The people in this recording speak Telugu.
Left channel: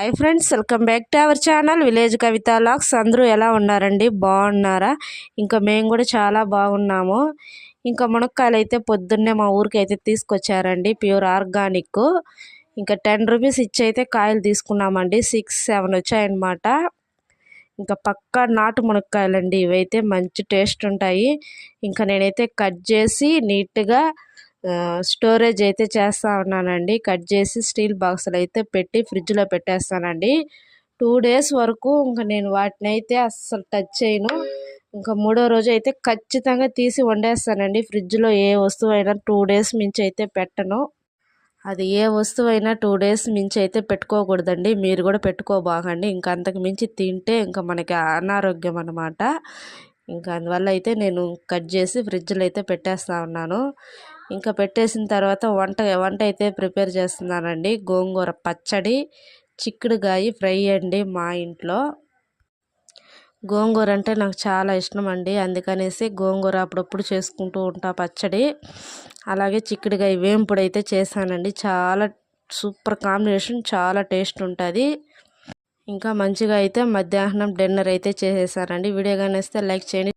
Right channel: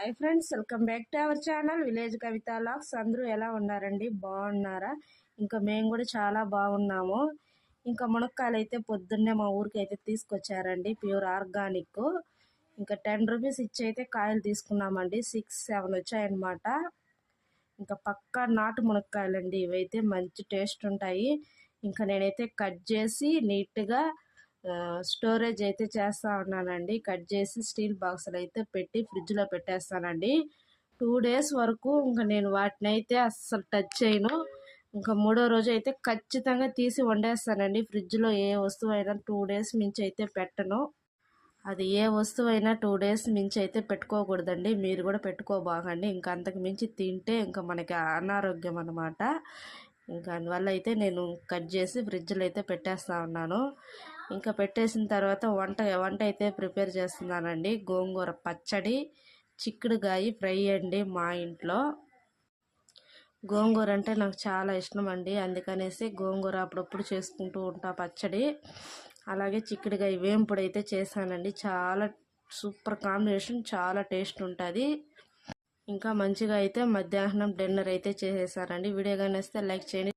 Hi friends, welcome back to our channel village Kavitha logs. అందరూ ఎలా ఉన్నారండి? బాగున్నారా? ఇంకా మేము కూడా చాలా బాగున్నాము. ఇంకా మునక్కాయలు అయితే పొద్దున్నే మా ఊరికి అయితే తీసుకొచ్చారండి, ప్యూర్ ఆర్గానిక్. ఇంకా 10 రూపీస్ ఇచ్చి అయితే కాయలు తీసుకున్నామండి. 6-7 వచ్చాయన్నమాట. ఇంకా పక్కా నాటు మునక్కాయలండి, ఇవైతే మంచి టేస్ట్ ఉంటాయి. ఇంకా నేనైతే కట్ చేసి నీట్గా స్టోరేజ్ అయితే చేస్తూ ఉన్నానండి. కట్ చేసి స్టీల్ బాక్సులు అయితే పెట్టి ఫ్రిడ్జ్లో పెట్టేస్తానండి. 2 డేస్ వరకు ఇంకా నేను వాటిని అయితే అస్సలు టచ్ చేయను. ఇంకా 3వ రోజు అయితే ఖచ్చితంగా తీసి వండేస్తానండి. ఫ్రిడ్జ్లో ఏ వస్తువు అయినా 2 డేస్ మించి అయితే పెట్టను. అది ఏ వస్తువు అయినా 2 డేస్ మించి అయితే పెట్టుకోకూడదండి. మీరు కూడా పెట్టుకోబాగండి. ఇంకా అంతకు మించి తింటే ఇంకా మనకి అనారోగ్యం అన్నమాట. ఇంకా అందువల్ల అయితే నేను కట్ చేసి ఫ్రిడ్జ్లో అయితే పెట్టేస్తూ ఉన్నాను. ఇంకా పెట్టేసిన తర్వాత వంట అయితే ప్రిపేర్ చేస్తున్నానండి. గోంగూర పచ్చడి, చిక్కుడుగాయ ఫ్రై అండి. మా ఇంట్లో గోంగూర అంటే నాకు చాలా ఇష్టం అండి. అందుకనేసి గోంగూర అప్పుడప్పుడు చేసుకుంటూ ఉంటా పచ్చడి. అలాగే చిక్కుడుగాయ వేంపుడు అయితే చేశానండి. చాలా సూపర్ కాంబినేషన్, చాలా టేస్ట్ ఉంటుంది. ఇంకా మంచిగా అయితే మధ్యాహ్నం డిన్నర్ అయితే చేసేసానండి. వీడియో కానీ వస్తే లైక్ చేయండి.